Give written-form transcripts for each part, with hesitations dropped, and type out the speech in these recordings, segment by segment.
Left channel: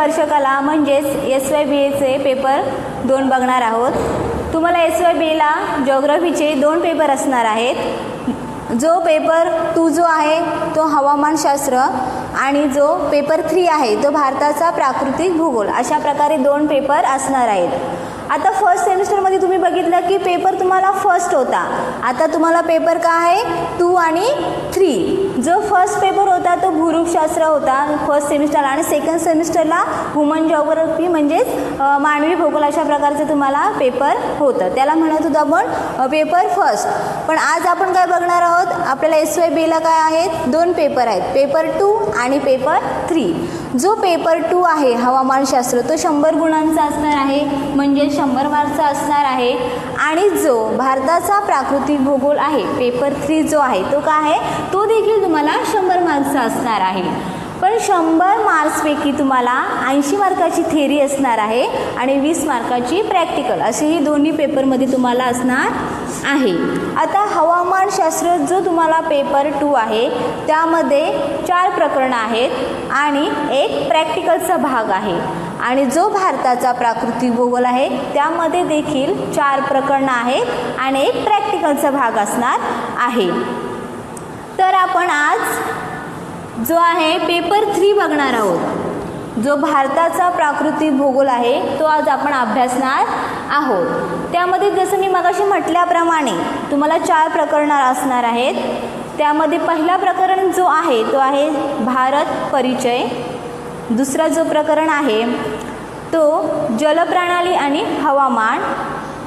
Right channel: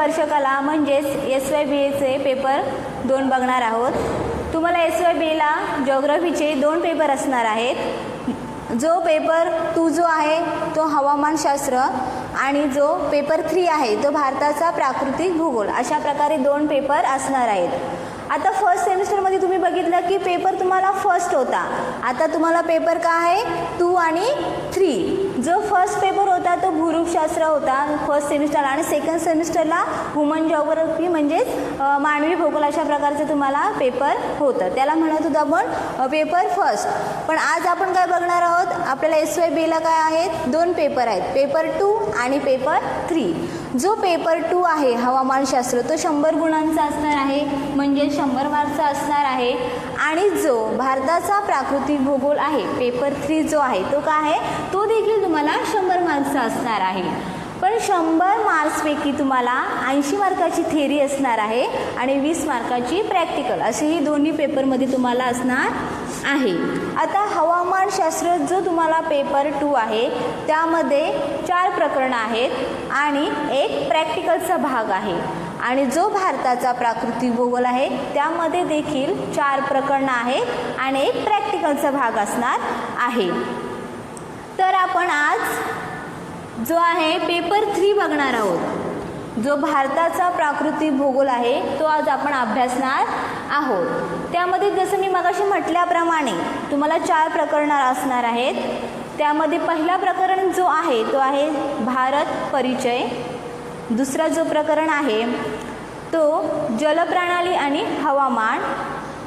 वर्षकाला म्हणजेच SYBAचे पेपर 2 बघणार आहोत. तुम्हाला SYBAला जिओग्राफीचे 2 पेपर असणार आहेत. जो पेपर 2 जो आहे तो हवामानशास्त्र आणि जो पेपर 3 आहे तो भारताचा प्राकृतिक भूगोल, अशा प्रकारे 2 पेपर असणार आहेत. आता फर्स्ट सेमिस्टरमध्ये तुम्ही बघितलं की पेपर तुम्हाला फर्स्ट होता. आता तुम्हाला पेपर काय आहे 2 आणि 3. जो फर्स्ट पेपर होता तो भूरूपशास्त्र होता फर्स्ट सेमिस्टरला, आणि सेकंड सेमिस्टरला ह्युमन जिओग्राफी म्हणजेच मानवी भूगोल, अशा प्रकारचे तुम्हाला पेपर होतं. त्याला म्हणत होतो आपण पेपर फर्स्ट. पण आज आपण काय बघणार आहोत, आपल्याला SYBAला काय आहेत 2 पेपर आहेत, पेपर 2 आणि पेपर 3. जो पेपर 2 आहे हवामानशास्त्र तो 100 गुणांचा असणार आहे, म्हणजे 100 मार्कचा असणार आहे. आणि जो भारताचा प्राकृतिक भूगोल आहे पेपर 3 जो आहे तो काय आहे, तो देखील तुम्हाला 100 मार्क्सचा असणार आहे. पण 100 मार्क्सपैकी तुम्हाला 80 मार्काची थेरी असणार आहे आणि 20 मार्काची प्रॅक्टिकल, असेही दोन्ही पेपरमध्ये तुम्हाला असणार आहे. आता हवामानशास्त्र जो तुम्हाला पेपर 2 आहे त्यामध्ये 4 प्रकरणं आहेत आणि एक प्रॅक्टिकलचा भाग आहे. आणि जो भारताचा प्राकृतिक भूगोल आहे त्यामध्ये देखील 4 प्रकरणं आहेत आणि एक प्रॅक्टिकलचा भाग असणार आहे. तर आपण आज जो आहे पेपर 3 बघणार आहोत. जो भारताचा प्राकृतिक भूगोल आहे तो आज आपण अभ्यासणार आहोत. त्यामध्ये जसं मी मगाशी म्हटल्याप्रमाणे तुम्हाला 4 प्रकरणं असणार आहेत. त्यामध्ये पहिला प्रकरण जो आहे तो आहे भारत परिचय. दुसरा जो प्रकरण आहे तो जलप्रणाली आणि हवामान.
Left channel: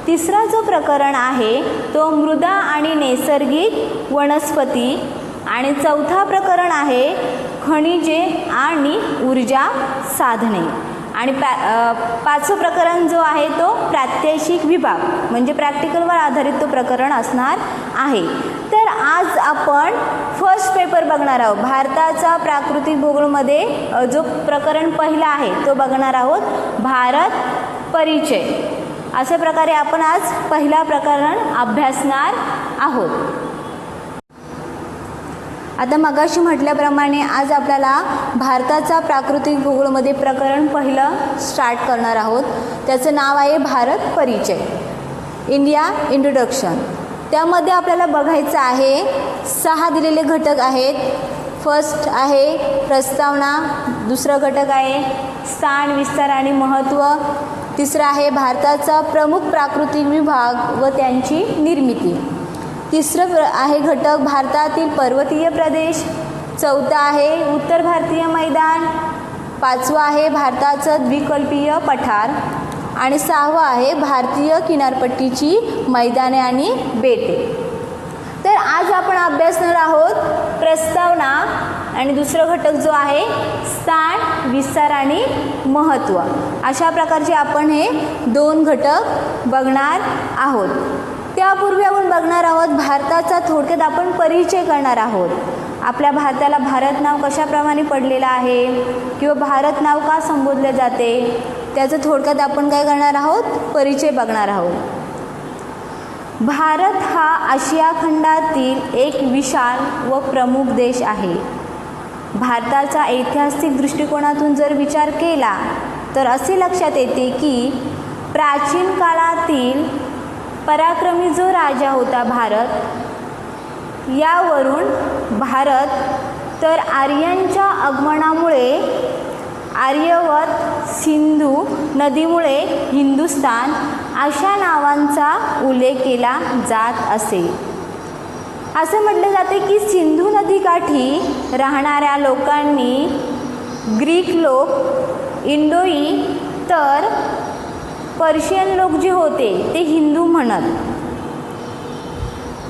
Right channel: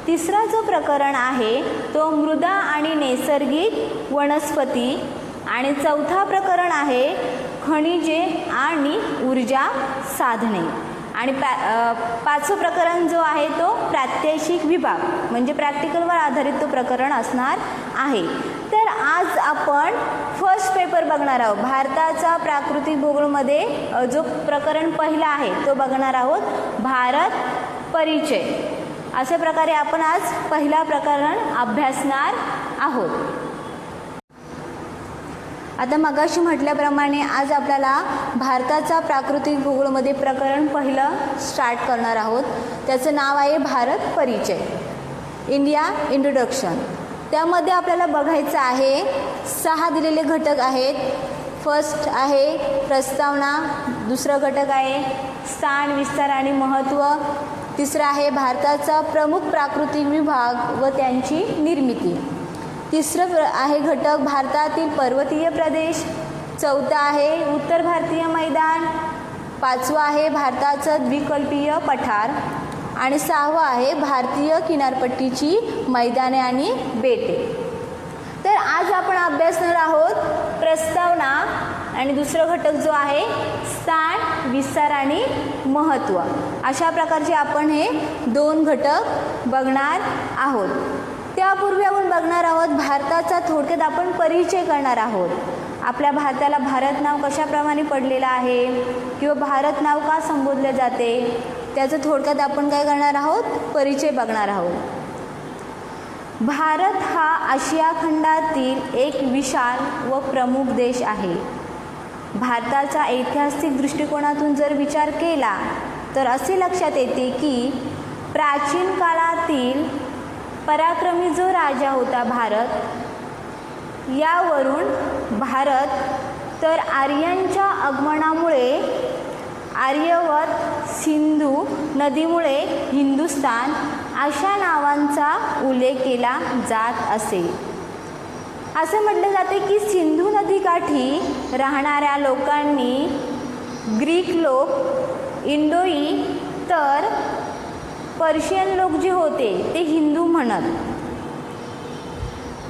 तिसरा जो प्रकरण आहे तो मृदा आणि नैसर्गिक वनस्पती. आणि चौथा प्रकरण आहे खनिजे आणि ऊर्जा साधने. आणि पाचवं प्रकरण जो आहे तो प्रात्यक्षिक विभाग, म्हणजे प्रॅक्टिकलवर आधारित तो प्रकरण असणार आहे. तर आज आपण फर्स्ट पेपर बघणार आहोत. भारताचा प्राकृतिक भूगोलमध्ये जो प्रकरण पहिला आहे तो बघणार आहोत, भारत परिचय. अशा प्रकारे आपण आज पहिला प्रकरण अभ्यासणार आहोत. आता मगाशी म्हटल्याप्रमाणे आज आपल्याला भारताचा प्राकृतिक भूगोलमध्ये प्रकरण पहिलं स्टार्ट करणार आहोत. त्याचं नाव आहे भारत परिचय, इंडिया इंट्रोडक्शन. त्यामध्ये आपल्याला बघायचं आहे 6 दिलेले घटक आहेत. फर्स्ट आहे प्रस्तावना, दुसरा घटक आहे स्थान, विस्तार आणि महत्त्व. तिसरा आहे भारताचा प्रमुख प्राकृतिक विभाग व त्यांची निर्मिती. तिसरं आहे घटक भारतातील पर्वतीय प्रदेश. चौथा आहे उत्तर भारतीय मैदान. 5वं आहे भारताचं द्विकल्पीय पठार. आणि 6वं आहे भारतीय किनारपट्टीची मैदाने आणि बेटे. तर आज आपण अभ्यासणार आहोत प्रस्तावना आणि दुसरं घटक जो आहे स्थान, विस्तार आणि महत्त्व. अशा प्रकारचे आपण हे 2 घटक बघणार आहोत. त्यापूर्वी आपण बघणार आहोत भारताचा थोडक्यात आपण परिचय करणार आहोत. आपल्या भारताला भारत नाव कशाप्रमाणे पडलेलं आहे किंवा भारत नाव का संबोधले जाते त्याचं थोडक्यात आपण काय करणार आहोत, परिचय बघणार आहोत. भारत हा आशिया खंडातील एक विशाल व प्रमुख देश आहे. भारताचा ऐतिहासिक दृष्टिकोनातून जर विचार केला तर असे लक्षात येते की प्राचीन काळातील पराक्रमी जो राजा होता भारत, यावरून भारत तर आर्यांच्या आगमनामुळे आर्यवत, सिंधू नदीमुळे हिंदुस्तान अशा नावांचा उल्लेख केला जात असे. असं म्हटलं जाते की सिंधू नदीकाठी राहणाऱ्या लोकांनी ग्रीक लोक, इंडोई, तर पर्शियन लोक जे होते ते हिंदू म्हणत.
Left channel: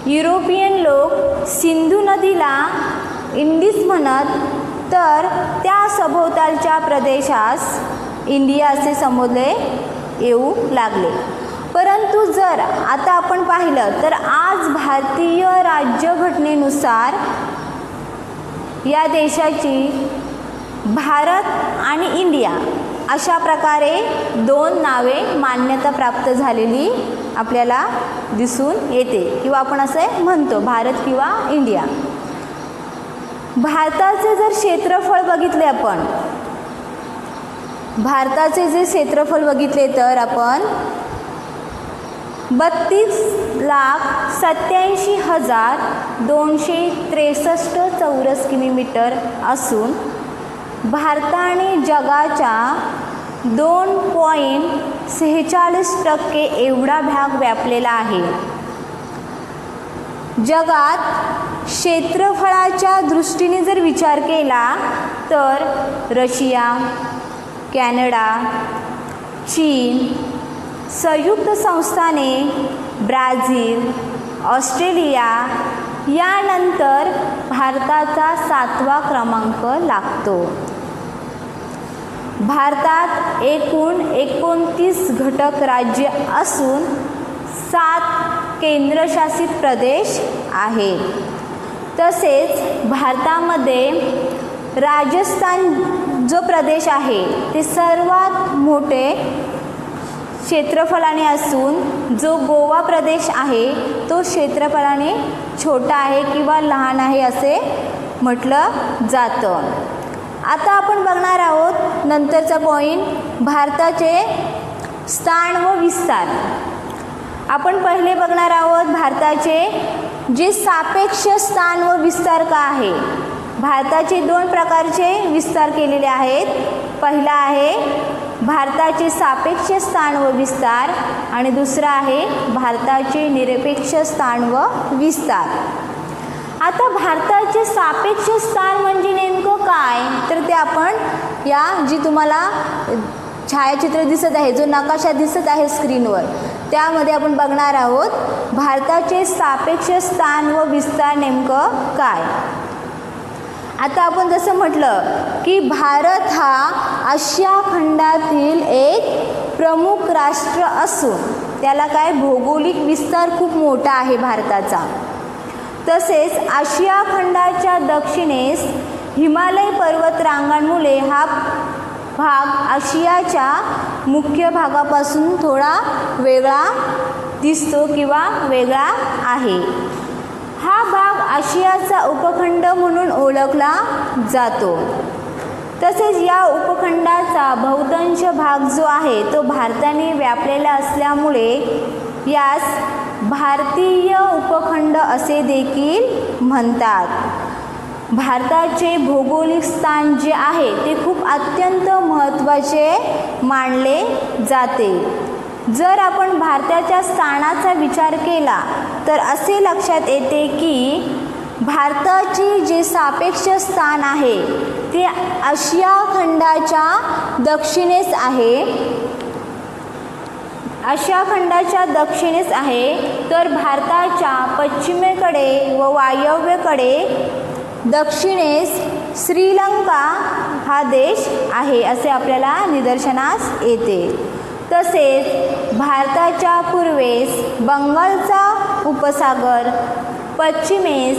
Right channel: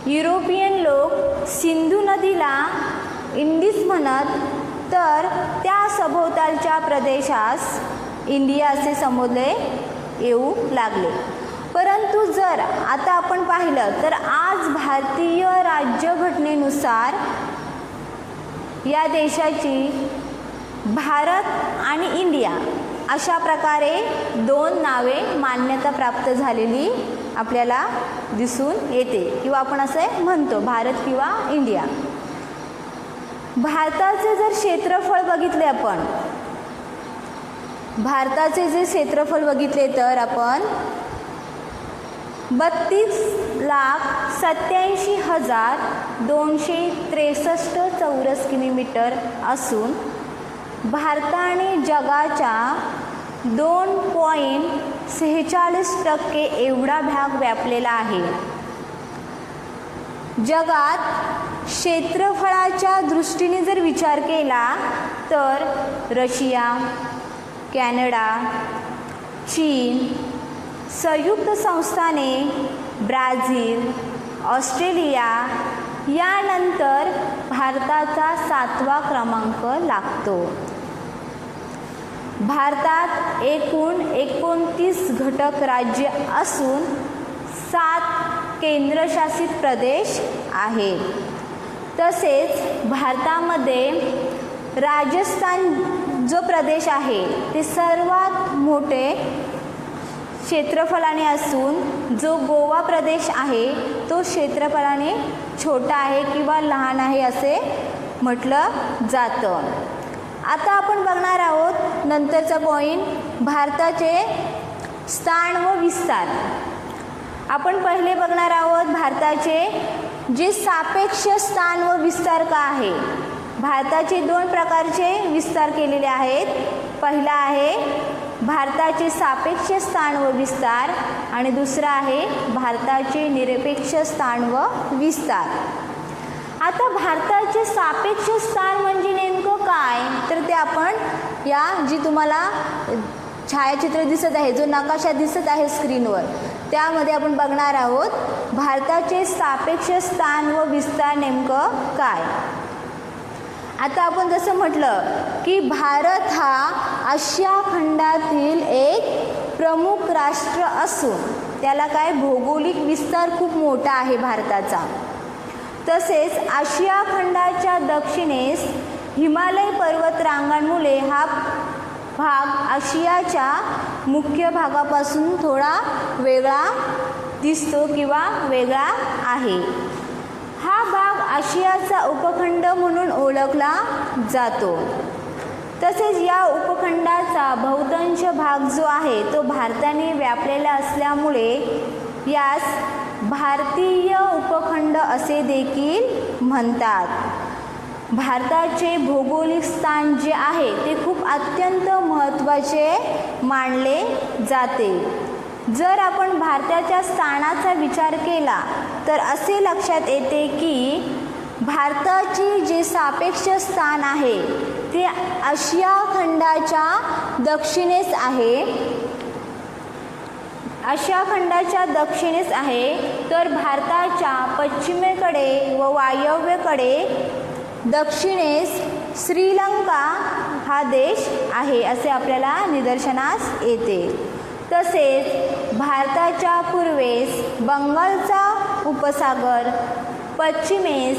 युरोपियन लोक सिंधू नदीला इंडिस म्हणत, तर त्या सभोवतालच्या प्रदेशास इंडिया असे संबोधले येऊ लागले. परंतु जर आता आपण पाहिलं तर आज भारतीय राज्यघटनेनुसार या देशाची भारत आणि इंडिया अशा प्रकारे 2 नावे मान्यता प्राप्त झालेली आपल्याला दिसून येते, किंवा आपण असे म्हणतो भारत किंवा इंडिया. भारताचे जर क्षेत्रफळ बघितले आपण भारताचे जे क्षेत्रफळ बघितले तर आपण 32,87,263 चौरस किलोमीटर असून भारताने जगाच्या 2.46% एवढा भाग व्यापलेला आहे. जगात क्षेत्रफळाच्या दृष्टीने जर विचार केला तर रशिया, कॅनडा, चीन, संयुक्त संस्थाने, ब्राझील, ऑस्ट्रेलिया यानंतर भारताचा 7वा क्रमांक लागतो. भारतात एकूण 29 घटक राज्य असून 7 केंद्रशासित प्रदेश आहेत. तसेच भारतामध्ये राजस्थान जो प्रदेश आहे ते सर्वात मोठे क्षेत्रफळाने असून जो गोवा प्रदेश आहे तो क्षेत्रफळाने छोटा आहे किंवा लहान आहे असे म्हटलं जातं. आता आपण बघणार आहोत नंतरचा पॉईंट, भारताचे स्थान व विस्तार. आपण पहिले बघणार आहोत भारताचे जे सापेक्ष स्थान व विस्तार का आहे. भारताचे 2 प्रकारचे विस्तार केलेले आहेत. पहिला आहे भारताचे सापेक्ष स्थान व विस्तार आणि दुसरा आहे भारताचे निरपेक्ष स्थान व विस्तार. आता भारताचे सापेक्ष स्थान म्हणजे नेमकं काय, तर ते आपण या जी तुम्हाला छायाचित्र दिसत आहे, जो नकाशा दिसत आहे स्क्रीनवर, त्यामध्ये आपण बघणार आहोत भारताचे सापेक्ष स्थान व विस्तार नेमकं काय. आता आपण जसं म्हटलं की भारत हा आशिया खंडातील एक प्रमुख राष्ट्र असून त्याला काय भौगोलिक विस्तार खूप मोठा आहे भारताचा. तसेच आशिया खंडाच्या दक्षिणेस हिमालय पर्वत रांगांमुळे हा भाग आशियाच्या मुख्य भागापासून थोडा वेगळा दिसतो किंवा वेगळा आहे. हा भाग आशियाचा उपखंड म्हणून ओळखला जातो. तसेच या उपखंडाचा बहुतांश भाग जो आहे तो भारताने व्यापलेला असल्यामुळे यास भारतीय उपखंड असे देखील म्हणतात. भारताचे भौगोलिक स्थान जे आहे ते खूप अत्यंत महत्त्वाचे मानले जाते. जर आपण भारताच्या स्थानाचा विचार केला तर असे लक्षात येते की भारताचे जे सापेक्ष स्थान आहे ते आशिया खंडाच्या दक्षिणेस आहे. आशिया खंडाच्या दक्षिणेस आहे, तर भारताच्या पश्चिमेकडे व वायव्येकडे दक्षिणेस श्रीलंका हा देश आहे असे आपल्याला निदर्शनास येते. तसेच भारताच्या पूर्वेस बंगालचा उपसागर, पश्चिमेस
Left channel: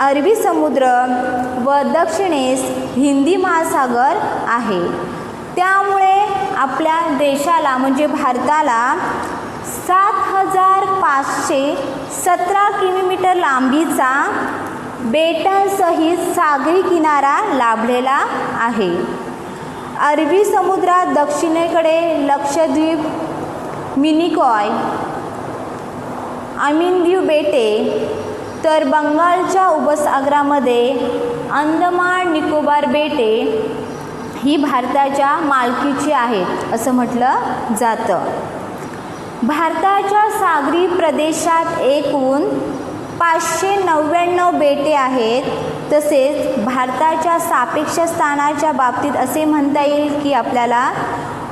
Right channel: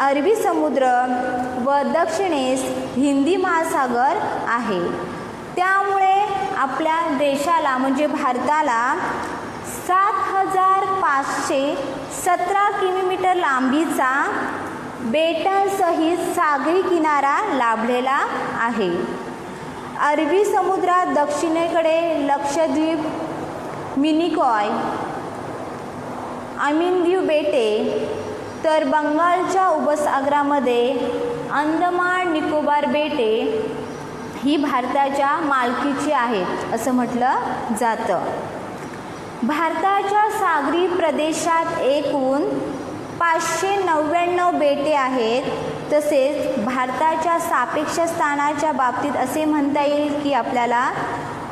अरबी समुद्र व दक्षिणेस हिंदी महासागर आहे. त्यामुळे आपल्या देशाला म्हणजे भारताला 7,517 किलोमीटर लांबीचा बेटांसहित सागरी किनारा लाभलेला आहे. अरबी समुद्रात दक्षिणेकडे लक्षद्वीप, मिनिकॉय, अमिनदीव बेटे, तर बंगालच्या उपसागरामध्ये अंदमान निकोबार बेटे ही भारताच्या मालकीची आहेत असं म्हटलं जातं. भारताच्या सागरी प्रदेशात एकूण 599 बेटे आहेत. तसेच भारताच्या सापेक्ष स्थानाच्या बाबतीत असे म्हणता येईल की आपल्याला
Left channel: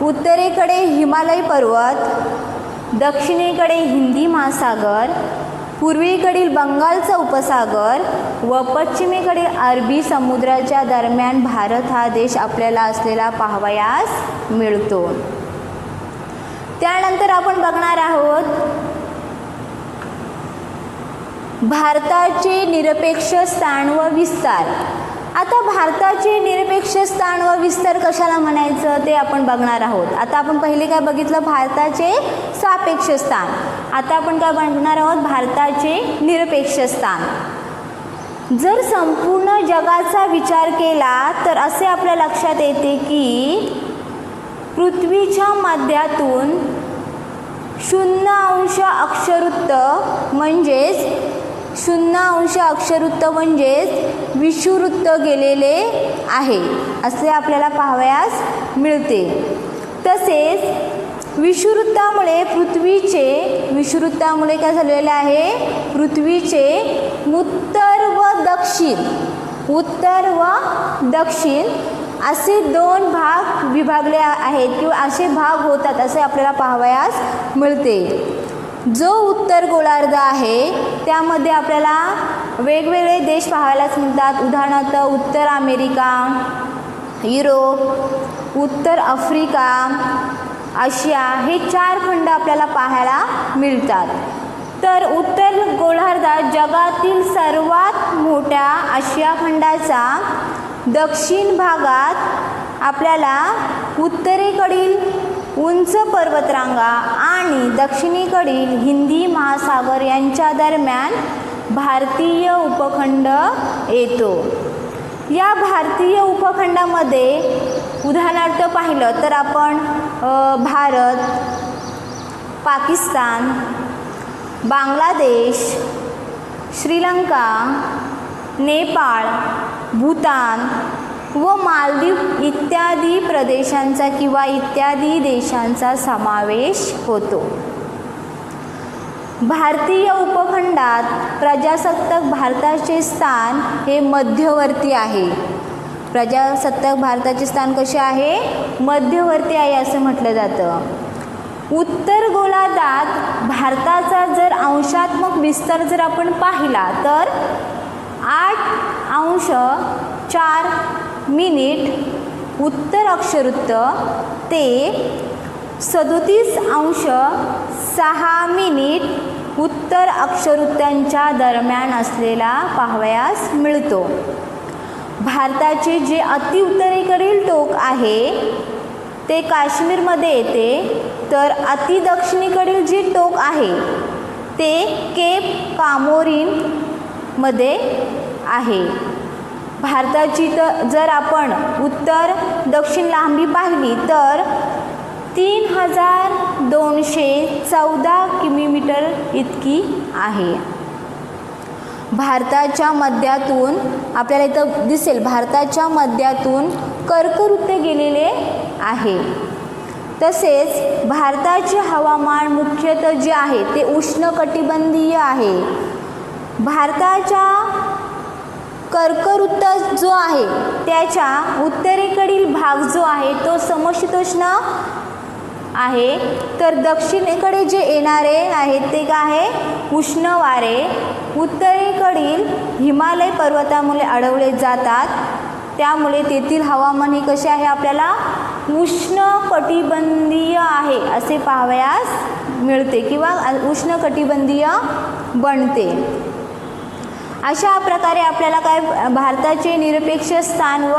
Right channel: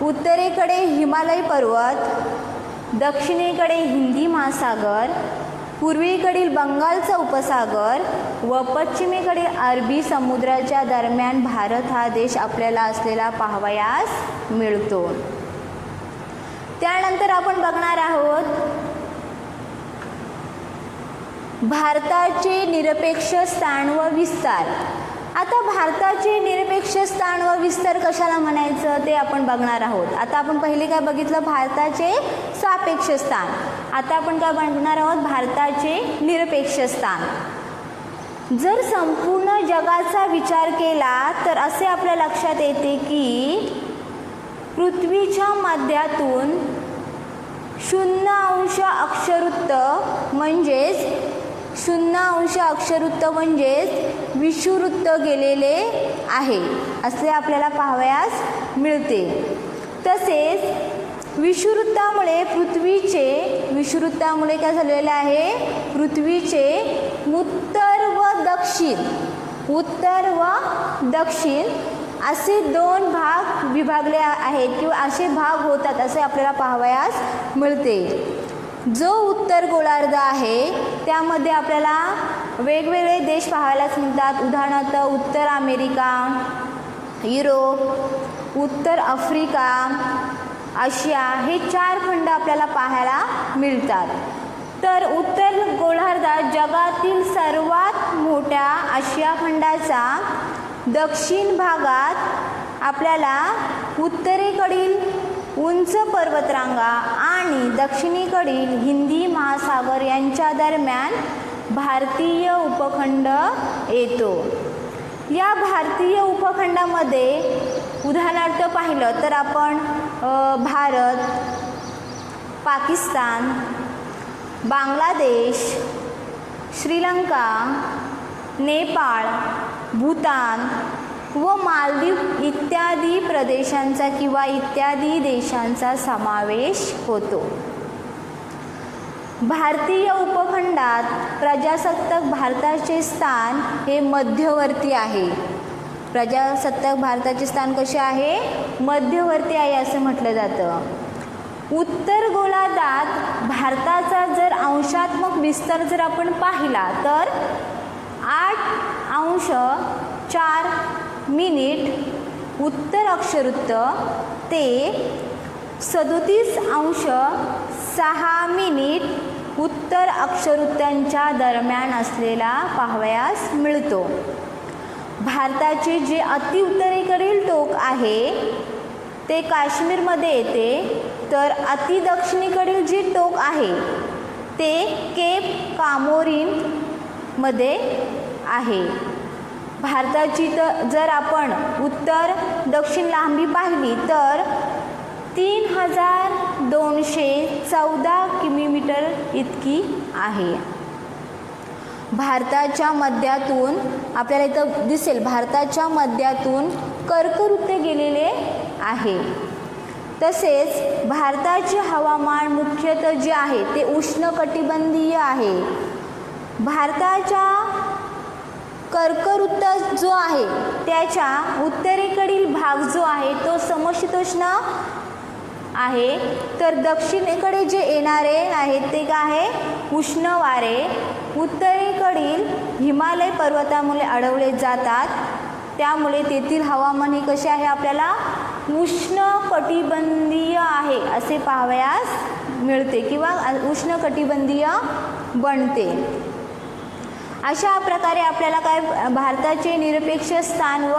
उत्तरेकडे हिमालय पर्वत, दक्षिणेकडे हिंदी महासागर, पूर्वेकडील बंगालचा उपसागर व पश्चिमेकडील अरबी समुद्राच्या दरम्यान भारत हा देश आपल्याला असलेला पाहावयास मिळतो. त्यानंतर आपण बघणार आहोत भारताचे निरपेक्ष स्थान व विस्तार. आता भारताचे निरपेक्ष स्थान व विस्तार कशाला म्हणायचं ते आपण बघणार आहोत. आता आपण पहिले काय बघितलं, भारताचे सापेक्ष स्थान. आता आपण काय बघणार आहोत, भारताचे निरपेक्ष स्थान. जर संपूर्ण जगाचा विचार केला तर असे आपल्या लक्षात येते की पृथ्वीच्या मध्यातून 0° अक्षरवृत्त म्हणजेच विषुववृत्त गेलेले आहे असे आपल्याला पाहावयास मिळते. तसेच विषुववृत्तामुळे काय झालेले आहे, पृथ्वीचे उत्तर व दक्षिण असे 2 भाग विभागले आहेत किंवा असे भाग होतात असे आपल्याला पाहावयास मिळते. जो उत्तर गोलार्ध आहे त्यामध्ये आपल्याला वेगवेगळे देश पाहायलाच मिळतात. उदाहरणार्थ उत्तर अमेरिका, युरोप, उत्तर आफ्रिका, आशिया हे 4 खंड आपल्याला पाहायला मिळतात. तर उत्तर गोलार्धात जगातील सर्वात मोठ्या आशिया खंडाचा दक्षिण भागात आपल्याला उत्तरेकडील उंच पर्वतरांगा आणि दक्षिणेकडील हिंदी महासागर यांच्या दरम्यान भारतीय उपखंड येतो. या भारतीय उपखंडामध्ये उदाहरणार्थ पाहिलं तर आपण भारत, पाकिस्तान, बांगलादेश, श्रीलंका, नेपाळ, भूतान व मालदीव इत्यादी प्रदेशांचा किंवा इत्यादी देशांचा समावेश होतो. भारतीय उपखंडात प्रजासत्ताक भारताचे स्थान हे मध्यवर्ती आहे. प्रजासत्ताक भारताचे स्थान कसे आहे, मध्यवर्ती आहे असं म्हटलं जातं. उत्तर गोलार्धात भारताचा जर अंशात्मक विस्तार जर आपण पाहिला तर 8°4' उत्तर अक्षरवृत्त ते 37°6' उत्तर अक्षरवृत्तांच्या दरम्यान असलेला पाहावयास मिळतो. भारताचे जे अतिउत्तरेकडील टोक आहे ते काश्मीरमध्ये येते, तर अतिदक्षिणेकडील जे टोक आहे ते केप कामोरीनमध्ये आहे. भारताची जर आपण उत्तर दक्षिण लांबी पाहिली तर 3214 किलोमीटर इतकी आहे. भारताच्या मध्यातून आपल्याला इथं दिसेल, भारताच्या मध्यातून कर्कवृत्त गेलेले आहे. तसेच भारताचे हवामान मुख्यतः जे आहे ते उष्णकटिबंधीय आहे. भारताच्या कर्कवृत्त जो आहे त्याच्या उत्तरेकडील भाग जो आहे तो समशीतोष्ण आहे, तर दक्षिणेकडे जे येणारे आहेत ते काय आहे, उष्ण वारे उत्तरेकडील हिमालय पर्वतामुळे अडवले जातात. त्यामुळे तेथील हवामान हे कसे आहे, आपल्याला उष्णकटिबंधीय आहे असे पाहावयास मिळते किंवा उष्णकटिबंधीय बनते. अशा प्रकारे आपल्याला काय भारताचे निरपेक्ष स्थान व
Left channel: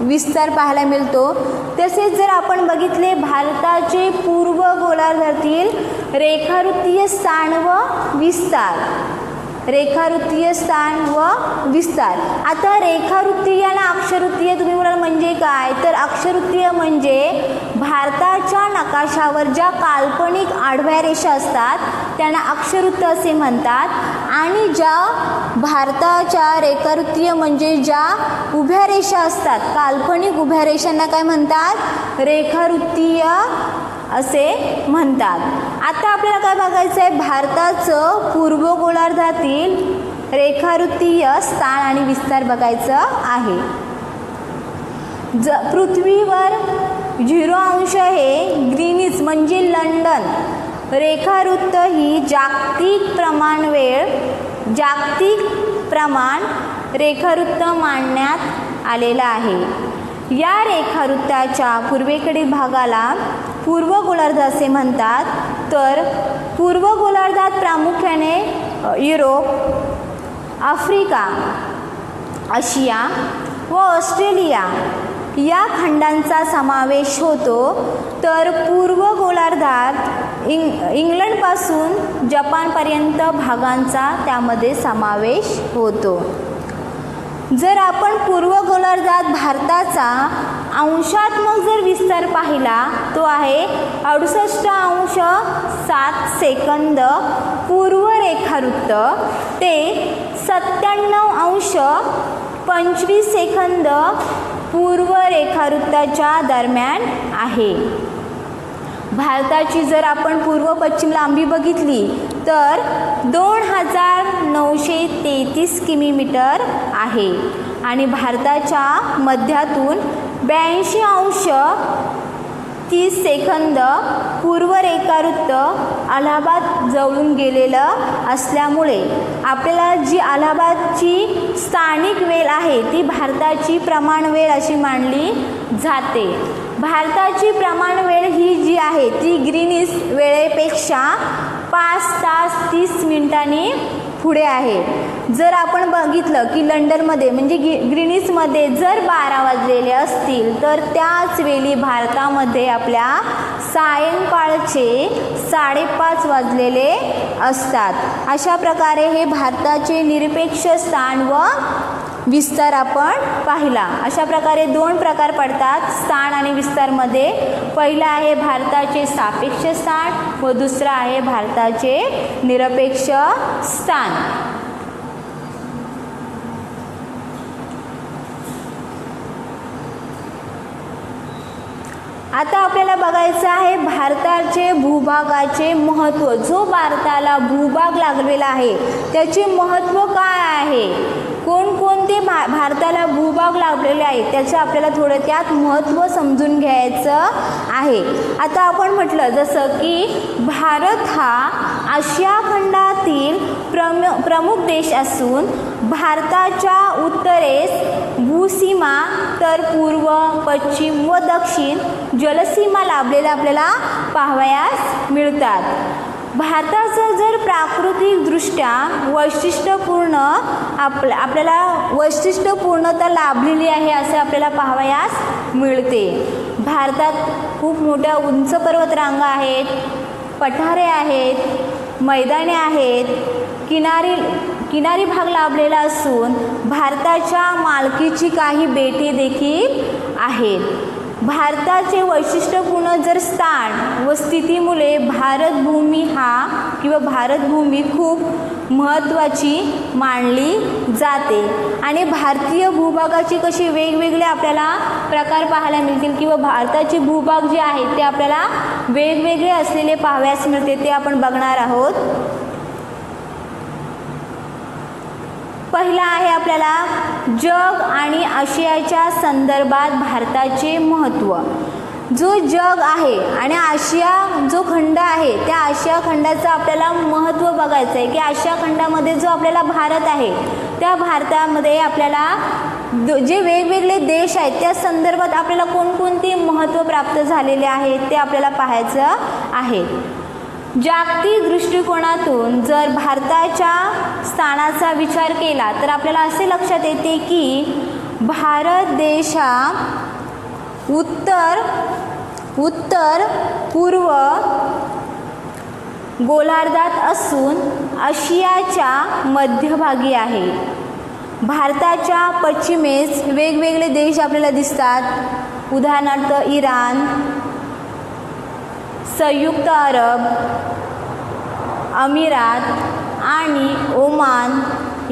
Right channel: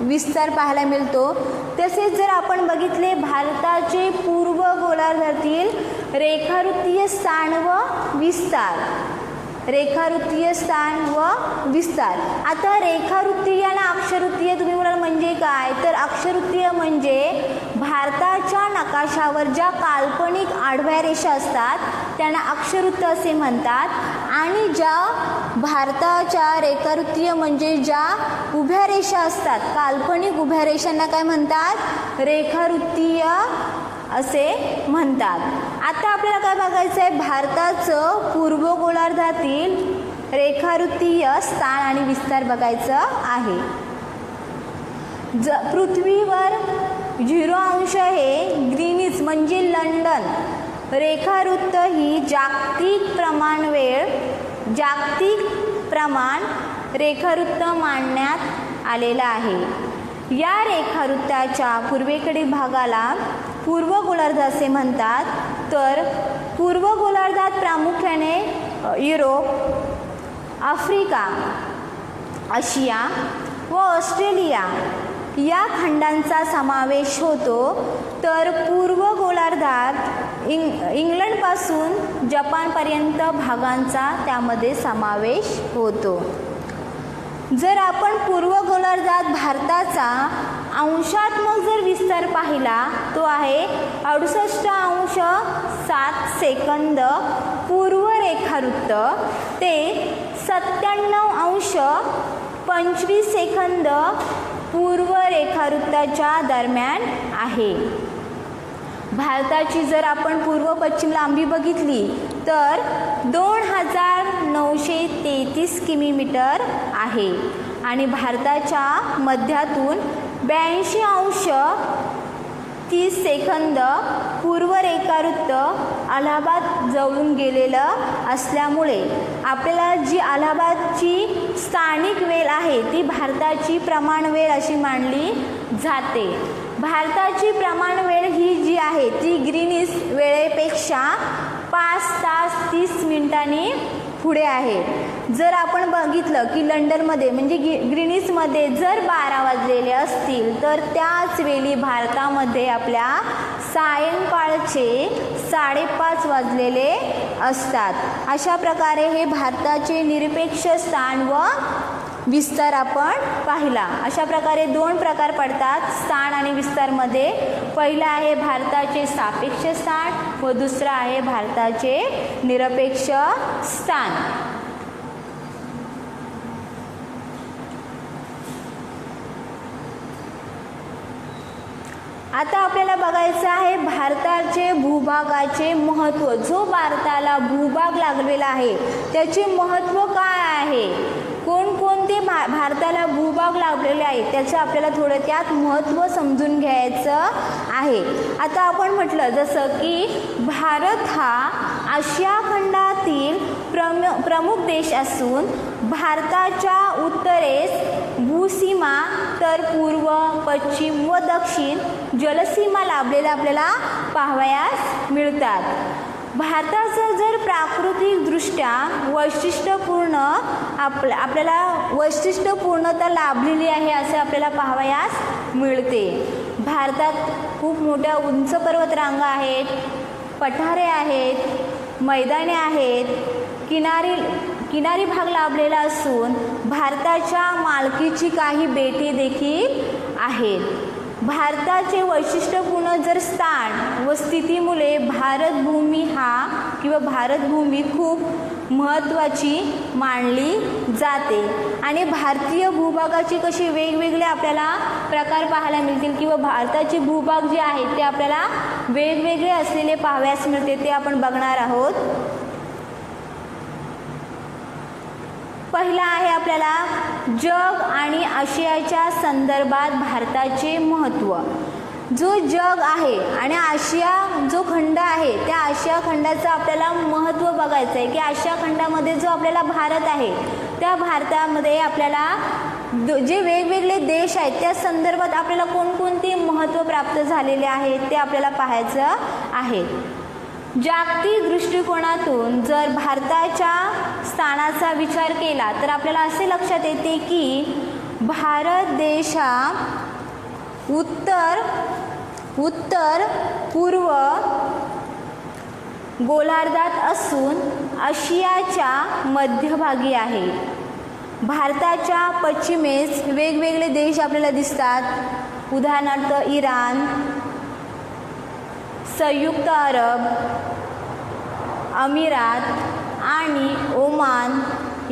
विस्तार पाहायला मिळतो. तसेच जर आपण बघितले भारताचे पूर्व गोलार्धातील रेखावृत्तीय स्थान व विस्तार, आता रेखावृत्तीय आणि अक्षरवृत्तीय तुम्ही म्हणाल म्हणजे काय, तर अक्षरवृत्तीय म्हणजे भारताच्या नकाशावर ज्या काल्पनिक आडव्या रेषा असतात त्यांना अक्षरवृत्त असे म्हणतात, आणि ज्या भारताच्या रेखावृत्तीय म्हणजे ज्या उभ्या रेषा असतात, काल्पनिक उभ्या रेषांना काय म्हणतात, रेखावृत्तीय असे म्हणतात. आता आपल्याला काय बघायचं आहे, भारताचं पूर्व गोलार्धातील रेखावृत्तीय स्थान आणि विस्तार बघायचं आहे. पृथ्वीवर 0° हे ग्रीनिच म्हणजे लंडन रेखावृत्त ही जागतिक प्रमाण रेखावृत्त मांडण्यात आलेला आहे. या रेखावृत्ताच्या पूर्वेकडील भागाला पूर्व गोलार्ध असे म्हणतात. तर पूर्व गोलार्धात प्रामुख्याने युरोप, आफ्रिका, आशिया व ऑस्ट्रेलिया या खंडांचा समावेश होतो. तर पूर्व गोलार्धात इंग्लंडपासून जपानपर्यंत भागांचा त्यामध्ये समावेश होतो. जर आपण पूर्व गोलार्धात भारताचा अंशात्मक जर विस्तार पाहिला तो आहे 68.7 पूर्व रेखावृत्त ते 97.25 पूर्व रेखावृत्ताच्या दरम्यान आहे. भारताची जर आपण पूर्व पश्चिम लांबी बघितली तर 2933 किलोमीटर आहे आणि भारताच्या मध्यातून 82.30 पूर्व रेखावृत्त अलाहाबाद जवळून गेलेलं असल्यामुळे आपल्याला जी अलाहाबादची स्थानिक वेळ आहे ती भारताची प्रमाण वेळ अशी मानली जाते. भारताची प्रमाण वेळ ही जी आहे ती ग्रीनिच वेळेपेक्षा 5 तास 30 मिनिटांनी पुढे आहे. जर आपण बघितलं की लंडनमध्ये म्हणजे ग्रीनिचमध्ये जर 12 वाजलेले असतील तर त्याच वेळी भारतामध्ये आपल्या सायंकाळचे 5:30 वाजलेले असतात. अशा प्रकारे हे भारताचे निरपेक्ष स्थान व विस्तार आपण पाहिला. अशा प्रकारे 2 प्रकार पडतात स्थान आणि विस्तारमध्ये. पहिला आहे भारताचे सापेक्ष स्थान व दुसरा आहे भारताचे निरपेक्ष स्थान. आता आपल्याला बघायचं आहे भारताचे भूभागाचे महत्त्व. जो भारताला भूभाग लागलेला आहे त्याचे महत्त्व काय आहे, कोणकोणते भारताला भूभाग लाभलेले आहेत त्याचं आपल्याला थोडं त्यात महत्त्व समजून घ्यायचं आहे. आता आपण म्हटलं जसं की भारत हा आशिया खंडातील प्रमुख देश असून भारताच्या उत्तरेस भूसीमा तर पूर्व पश्चिम व दक्षिण जलसीमा लाभलेल्या आपल्याला पाहावयास मिळतात. भारताचं जर प्राकृतिकदृष्ट्या वैशिष्ट्यपूर्ण आपल्याला वैशिष्ट्यपूर्णता लाभलेली आहे असे आपल्याला पाहावयास मिळते. भारतात खूप मोठ्या उंच पर्वतरांगा आहेत, पठारे आहेत, मैदाने आहेत, किनारी भाग लाभलेला असून भारताच्या मालकीची काही बेटे देखील आहेत. भारताचे वैशिष्ट्यपूर्ण जर स्थान व स्थितीमुळे भारतभूमी खूप महत्त्वाची मानली जाते आणि भारतीय भूभागाचे कसे वेगवेगळे आपल्याला प्रकार पाहायला मिळतील किंवा भारताचे भूभाग जे आहेत ते आपल्याला वेगवेगळे असलेले पाहावयास मिळते ते आपण बघणार आहोत. पहिला आहे आपल्याला जग आणि आशियाच्या संदर्भात भारताचे महत्त्व. जो जग आहे आणि आशिया जो खंड आहे त्या आशिया खंडाचं आपल्याला महत्त्व बघायचं आहे की आशिया खंडामध्ये जो आपल्याला भारत आहे त्या भारतामध्ये आपल्याला जे वेगवेगळे देश आहेत त्या संदर्भात आपल्याला कोणकोणते महत्त्व प्राप्त झालेले आहेत ते आपल्याला पाहायचं आहे. जागतिक दृष्टिकोनातून जर भारताच्या स्थानाचा विचार केला तर आपल्याला असे लक्षात येते की भारत देश हा उत्तर पूर्व गोलार्धात असून आशियाच्या मध्यभागी आहे. भारताच्या पश्चिमेस वेगवेगळे देश आपल्याला दिसतात. उदाहरणार्थ इराण, संयुक्त अरब अमिरात आणि ओमान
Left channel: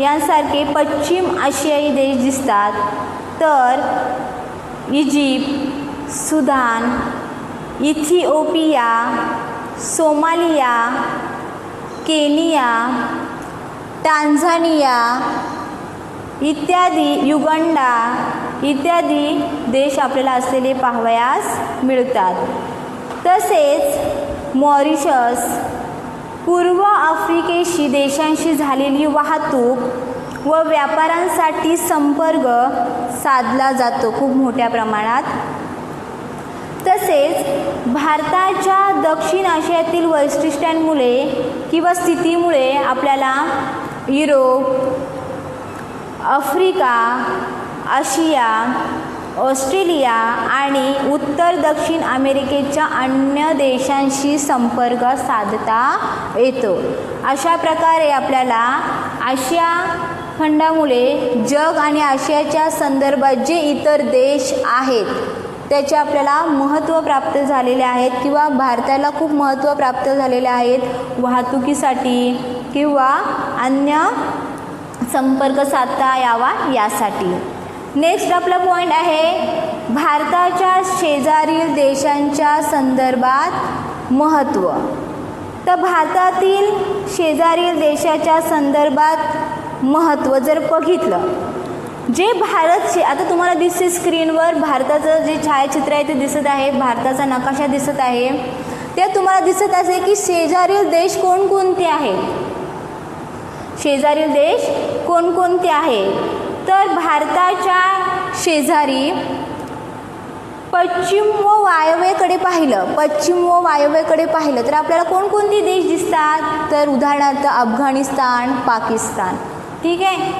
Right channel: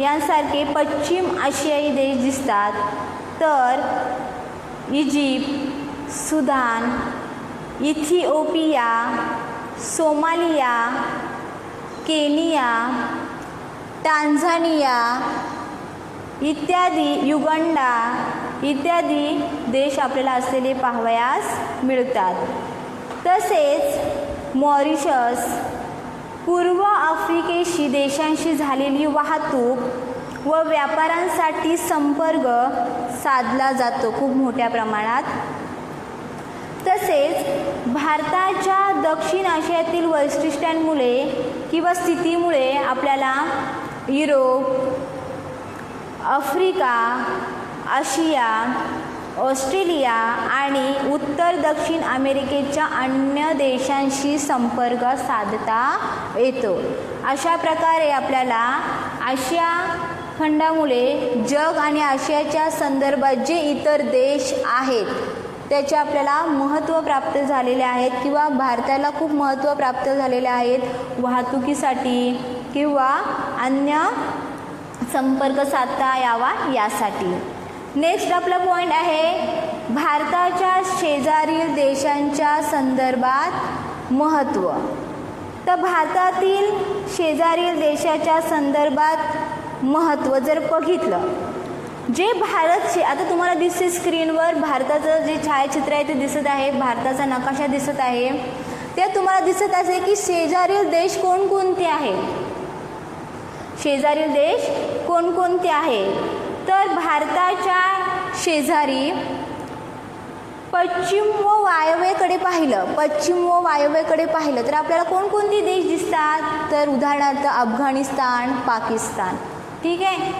यांसारखे पश्चिम आशियाई देश दिसतात. तर Egypt, Sudan, Ethiopia, Somalia, Kenya, Tanzania इत्यादी, युगांडा इत्यादी देश आपल्याला असलेले पाहावयास मिळतात. तसेच मॉरिशस, पूर्व आफ्रिकेशी देशांशी झालेली वाहतूक व व्यापारांसाठी संपर्क साधला जातो खूप मोठ्या प्रमाणात. तसेच भारताच्या दक्षिण आशियातील वैशिष्ट्यांमुळे किंवा स्थितीमुळे आपल्याला युरोप, आफ्रिका, आशिया, ऑस्ट्रेलिया आणि उत्तर दक्षिण अमेरिकेच्या अन्य देशांशी संपर्क साधता येतो. अशा प्रकारे आपल्याला आशिया खंडामुळे जग आणि आशियाच्या संदर्भात जे इतर देश आहेत त्याचे आपल्याला महत्त्व प्राप्त झालेले आहेत किंवा भारताला खूप महत्त्व प्राप्त झालेले आहेत वाहतुकीसाठी किंवा अन्य संपर्क साधता यावा यासाठी. नेक्स्ट आपला पॉईंट आहे भारताच्या शेजारील देशांच्या संदर्भात महत्त्व. तर भारतातील शेजारील देशाच्या संदर्भात महत्त्व जर बघितलं, जे आता तुम्हाला दिसते स्क्रीनवर भारताचं जे छायाचित्र आहे ते दिसत आहे, भारताचा नकाशा दिसत आहे. ते तुम्हाला दिसत असेल की शेजारील देश कोणकोणते आहेत. शेजारील देश कोणकोणते आहेत तर भारताच्या शेजारी पश्चिम व वायव्येकडे पाहिलं तर आपल्याला कोणकोणते देश दिसतात तर उदाहरणार्थ अफगाणिस्तान, पाकिस्तान. ठीक आहे.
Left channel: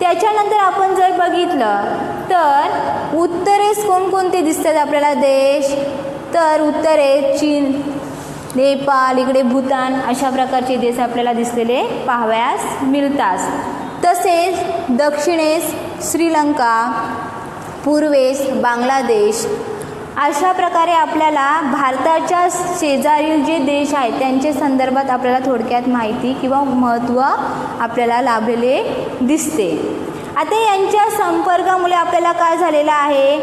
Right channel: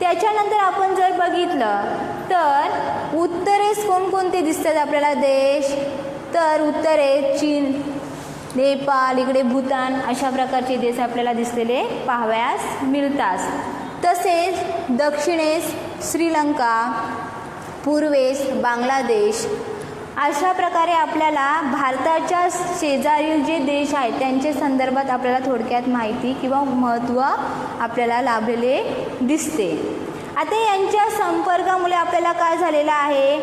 त्याच्यानंतर आपण जर बघितलं तर उत्तरेस कोणकोणते दिसतात आपल्याला देश तर उत्तरेस चीन, नेपाळ, इकडे भूतान अशा प्रकारचे देश आपल्याला दिसलेले पाहावयास मिळतात. तसेच दक्षिणेस श्रीलंका, पूर्वेस बांगलादेश अशा प्रकारे आपल्याला भारताच्या शेजारील जे देश आहेत त्यांच्या संदर्भात आपल्याला थोडक्यात माहिती किंवा महत्त्व आपल्याला लाभलेले दिसते. आता यांच्या संपर्कामुळे आपल्याला काय झालेलं आहे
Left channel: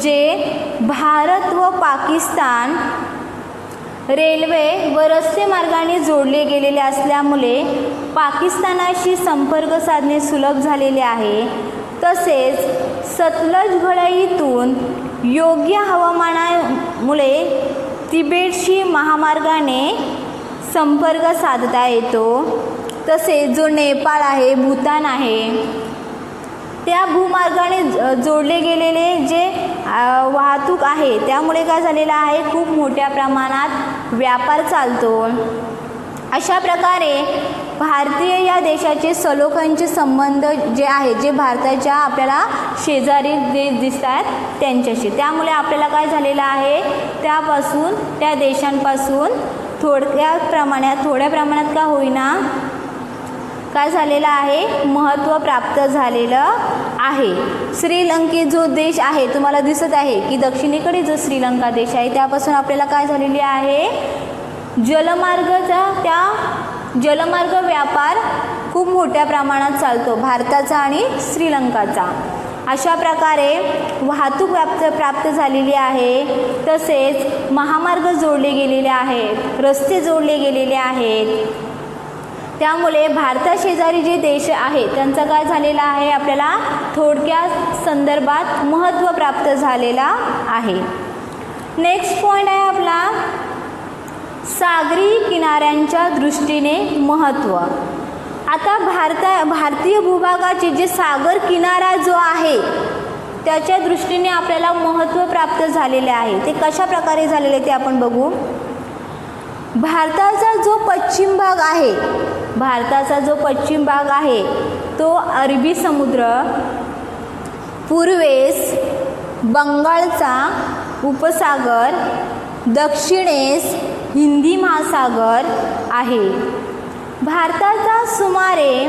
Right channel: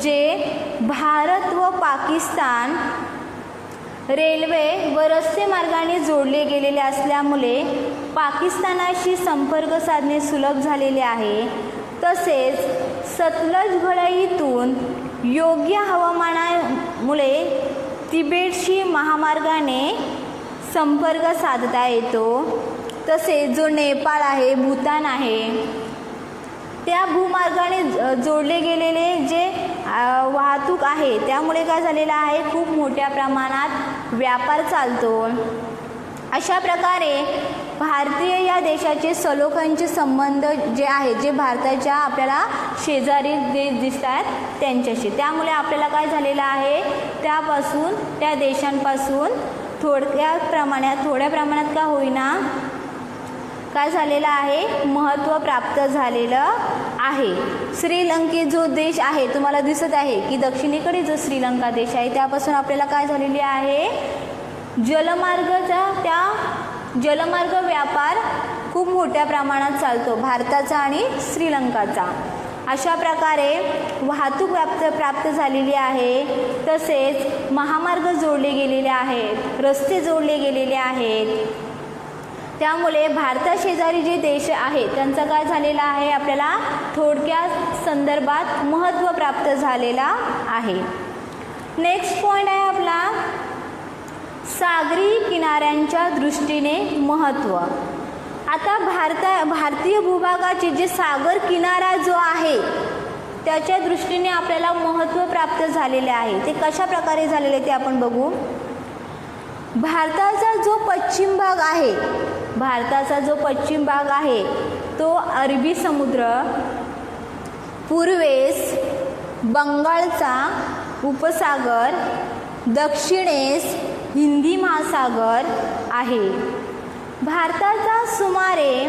जे भारत व पाकिस्तान रेल्वे व रस्ते मार्गाने जोडले गेलेले असल्यामुळे पाकिस्तानाशी संपर्क साधणे सुलभ झालेले आहे. तसेच सतलज घळईतून योग्य हवामानामुळे तिबेटशी महामार्गाने संपर्क साधता येतो. तसेच जो नेपाळ आहे, भूतान आहे, त्या भूमार्गाने जोडले गेलेले जे वाहतूक आहे त्यामुळे काय झालेलं आहे खूप मोठ्या प्रमाणात व्यापार चालतो. अशा प्रकारे भारतीय या देशाचे सलोख्यांचे संबंध जे आहेत जे भारताच्या आपल्याला शेजारी देश दिसतात त्यांच्याशी, त्यामुळे आपल्याला काय झालेलं आहे त्या देशांपासून थोड्या प्रमाणात का होईना काय झालेलं आहे महत्त्व प्राप्त झालेलं आहे. श्रीलंके जो देश आहे तुम्हाला दिसत आहे की दक्षिणेकडे जो श्रीलंका देश आहे त्यापासून आपल्याला काय झालेली आहे जलमार्ग व्यापार खूप मोठ्या प्रमाणात चालतो भारताचा आणि श्रीलंकाचा. अशा प्रकारे वाहतूक प्राप्त झालेली आहे. तसेच महामार्ग जोडले गेलेले आहेत, रस्ते जोडले गेलेले आहेत. त्यामुळे भारताशेजारी जे देश आहेत त्यांचा काय झालेला आहे आपल्याला थोडक्यात संदर्भात महत्त्व प्राप्त झालेला आहे. नेक्स्ट पॉईंट आहे आपला सागरी किनाऱ्यांच्या दृष्टीने महत्त्व. आता भारतीय भूभागाचे जे सागर किनारा जो आहे त्याच्या दृष्टीने आपल्याला महत्त्व प्राप्त झालेले आहे. ते कशा प्रकारे झालेले ते आपण बघू. भारताचा जो पश्चिम भाग आहे तो अरबी समुद्र, पूर्वेस बंगालचा उपसागर, दक्षिणेस हिंदी महासागर आहे. भारताचा सुमारे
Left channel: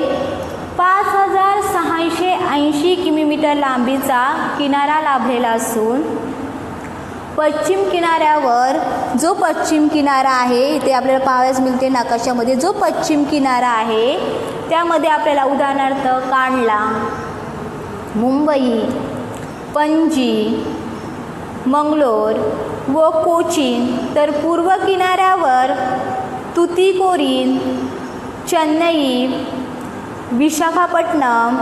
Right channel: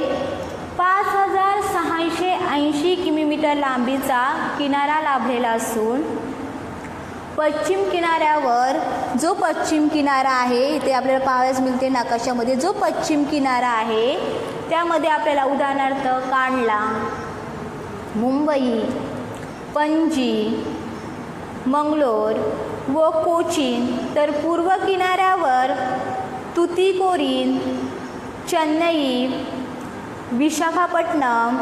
5680 किलोमीटर लांबीचा किनारा लाभलेला असून पश्चिम किनाऱ्यावर जो पश्चिम किनारा आहे इथे आपल्याला पाहावयास मिळते नकाशामध्ये. जो पश्चिम किनारा आहे त्यामध्ये आपल्याला उदाहरणार्थ कांडला, मुंबई, पणजी, मंगलोर व कोचीन, तर पूर्व किनाऱ्यावर तुतीकोरीन, चेन्नई, विशाखापट्टणम,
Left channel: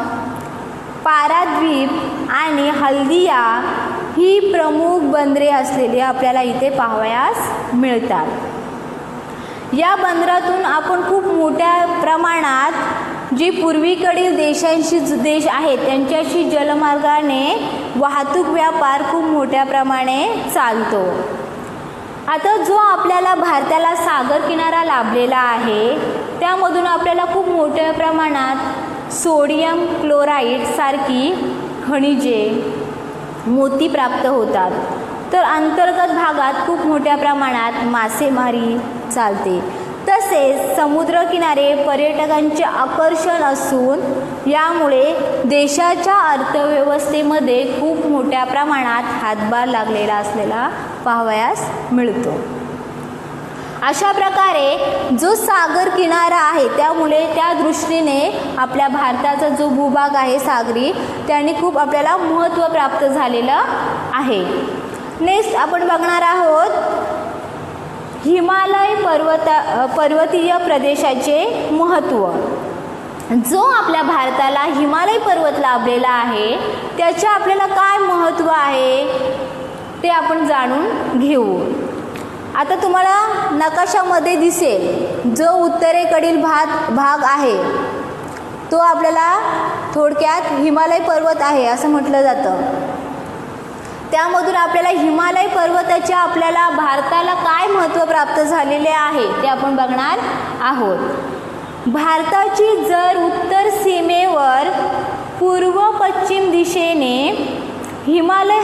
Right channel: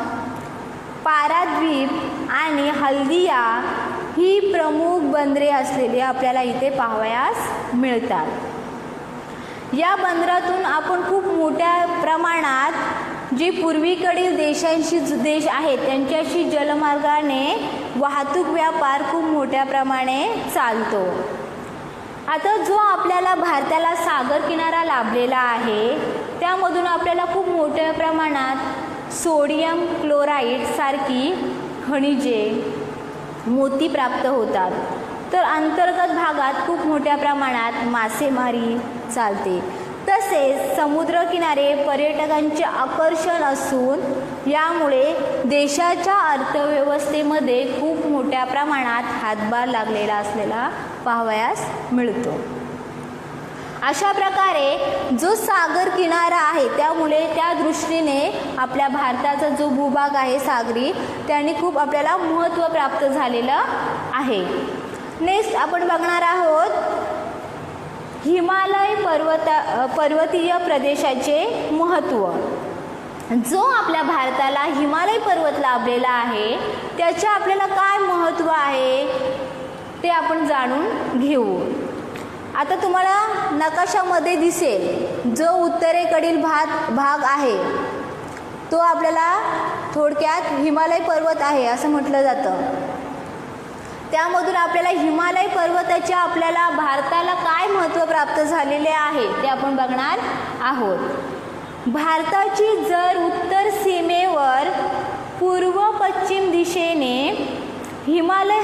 पाराद्वीप आणि हल्दिया ही प्रमुख बंदरे असलेली आपल्याला इथे पाहावयास मिळतात. या बंदरातून आपण खूप मोठ्या प्रमाणात जे पूर्वीकडील देश आहेत त्यांच्याशी जलमार्गाने वाहतूक व्यापार खूप मोठ्या प्रमाणे चालतो. आता जो आपल्याला भारताला सागर किनारा लाभलेला आहे त्यामधून आपल्याला खूप मोठ्या प्रमाणात सोडियम क्लोराईड सारखी खनिजे, मोती प्राप्त होतात. तर अंतर्गत भागात खूप मोठ्या प्रमाणात मासेमारी चालते. तसेच समुद्रकिनारे पर्यटकांचे आकर्षण असून यामुळे देशाच्या अर्थव्यवस्थेमध्ये खूप मोठ्या प्रमाणात हातभार लागलेला असलेला पाहावयास मिळतो. अशा प्रकारे जो सागर किनारा आहे त्यामुळे त्या दृष्टीने आपल्या भारताचा जो भूभाग आहे सागरी त्याने खूप आपल्याला महत्त्व प्राप्त झालेलं आहे. नेक्स्ट आपण बघणार आहोत हिमालय पर्वतीय प्रदेशाचे महत्त्व. जो आपल्या भारताला हिमालय पर्वत लाभलेला आहे त्याचे आपल्याला काय महत्त्व आहे ते आपण जाणून घेऊ. आता तुम्हाला नकाशामध्ये दिसेल जो उत्तरेकडील भाग आहे तो आपल्याला थोडक्यात हिमालय पर्वत आहे असं म्हटलं जातं. त्यामधून आपल्याला हिमालय पर्वताचे आपल्याला भारताला काय महत्त्व प्राप्त झालेले आहे ते आपण बघणार आहोत. भारताची जर उत्तर सीमेवर पूर्व पश्चिम दिशेने हिमालय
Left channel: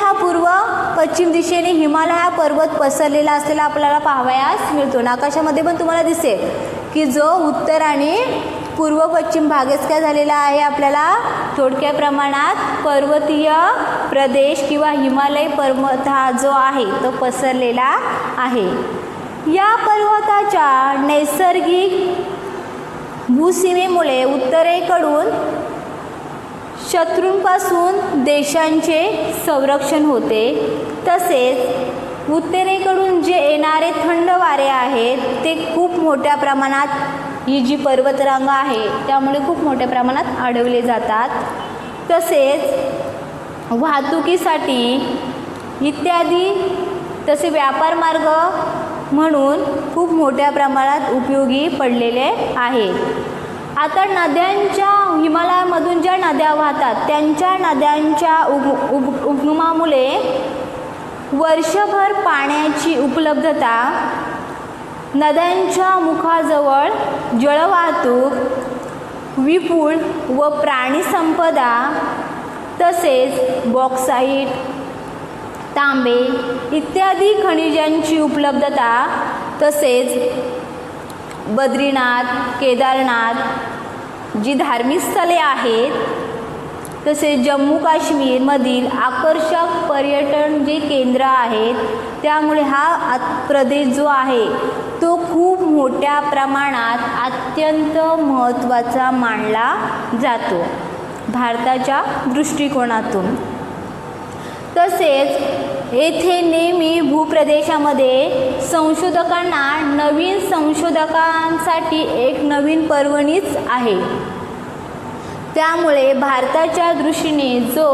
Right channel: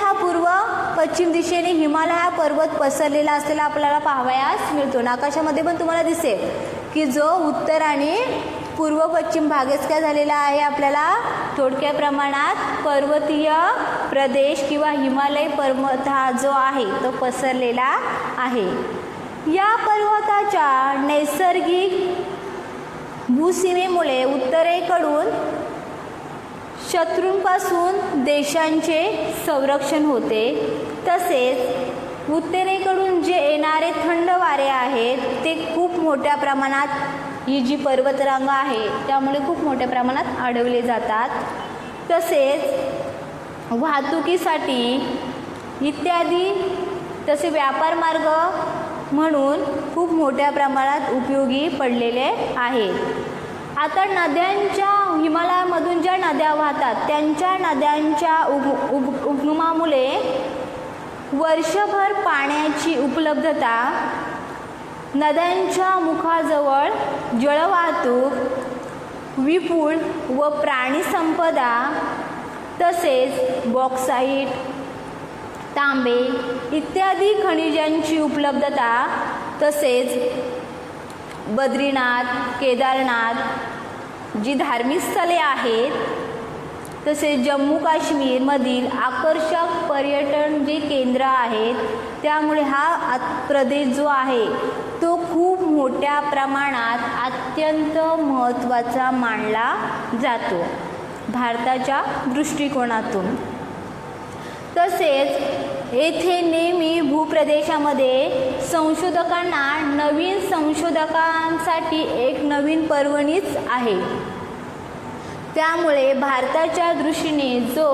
हा पर्वत पसरलेला असलेला आपल्याला पाहावयास मिळतो. नकाशामध्ये पण तुम्हाला दिसेल की जो उत्तर आणि पूर्व पश्चिम भागच काय झालेला आहे आपल्याला थोडक्या प्रमाणात पर्वतीय प्रदेश किंवा हिमालय पर्वत हा जो आहे तो पसरलेला आहे. या पर्वताच्या नैसर्गिक भूसीमेमुळे उत्तरेकडून शत्रूंपासून देशांचे संरक्षण होते. तसेच उत्तरेकडून जे येणारे थंड वारे आहेत ते खूप मोठ्या प्रमाणात ही जी पर्वतरांग आहे त्यामुळे खूप मोठ्या प्रमाणात अडवले जातात. तसेच वाहतुकीसाठी इत्यादी तसे व्यापार मार्ग म्हणून खूप मोठ्या प्रमाणात उपयोगी पडलेले आहे. आता नद्यांच्या हिमालयामधून ज्या नद्या वाहतात त्यांच्या नद्यांच्या उगमामुळे वर्षभर पाण्याची उपलब्धता, नद्यांच्या मुखाजवळ जलवाहतूक, विपुल व प्राणी संपदा, तसेच बॉक्साईट, तांबे इत्यादी खनिजांची उपलब्धता, तसेच बद्रीनाथ, केदारनाथ जी धार्मिक स्थळे आहेत, तसेच जम्मू काश्मीरमधील आकर्षक पर्यटन जे केंद्र आहेत त्यामुळे हा प्रदेश जो आहे तो खूप मोठ्या प्रमाणात अत्यंत महत्त्वाचा मानला जातो भारताच्या दृष्टिकोनातून. तसेच येथे नेहमी भूप्रदेशामध्ये संशोधकांना नवीन संशोधकांसाठी एक नवीन पर्वणीच आहे. त्यामुळे भारताच्या दृष्टीने जो